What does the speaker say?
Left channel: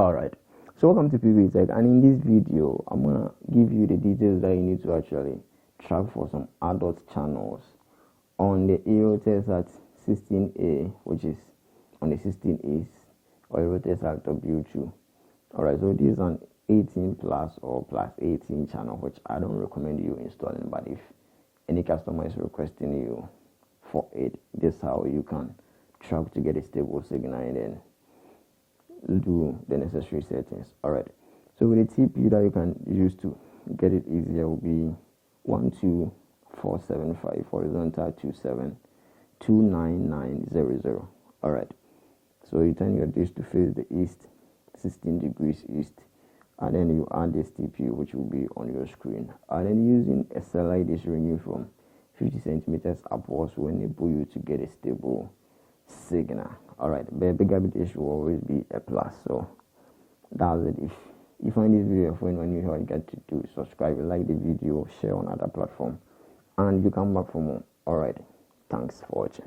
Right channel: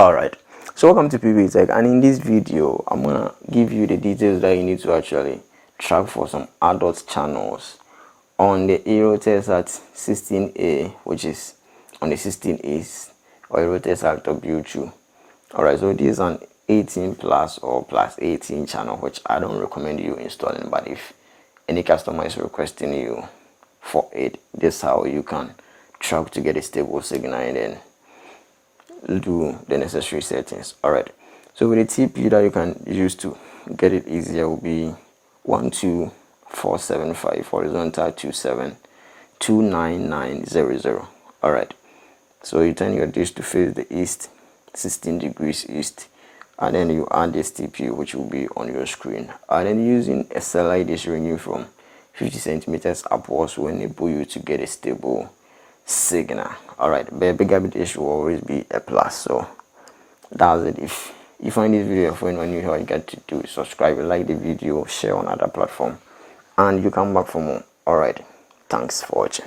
Alright, so welcome to Pbteck, and in this video I'm gonna give you the details that you need to actually track for some adult channels on the Aerotest 16A, which is on the 16A or Aerotest W2. Alright, so this is an 18 plus or plus 18 channel, which I don't recommend you installing, but if any customer is requesting you for it, this is how you can track to get a stable signal and then do the necessary settings. Alright, so with the TP that you can use to get it easier will be 12475 horizontal 27 29900. Alright, so you turn your dish to face the east, 16 degrees east, and then you add this TP, which will be on your screen, and then using a satellite dish ranging from 50 centimeters upwards will enable you to get a stable signal. Alright, but a bigger dish will always be a plus. So that's it. If you find this video helpful and you know, all you got to do is subscribe, like the video, share on other platform, and you come back for more. Alright, thanks for watching.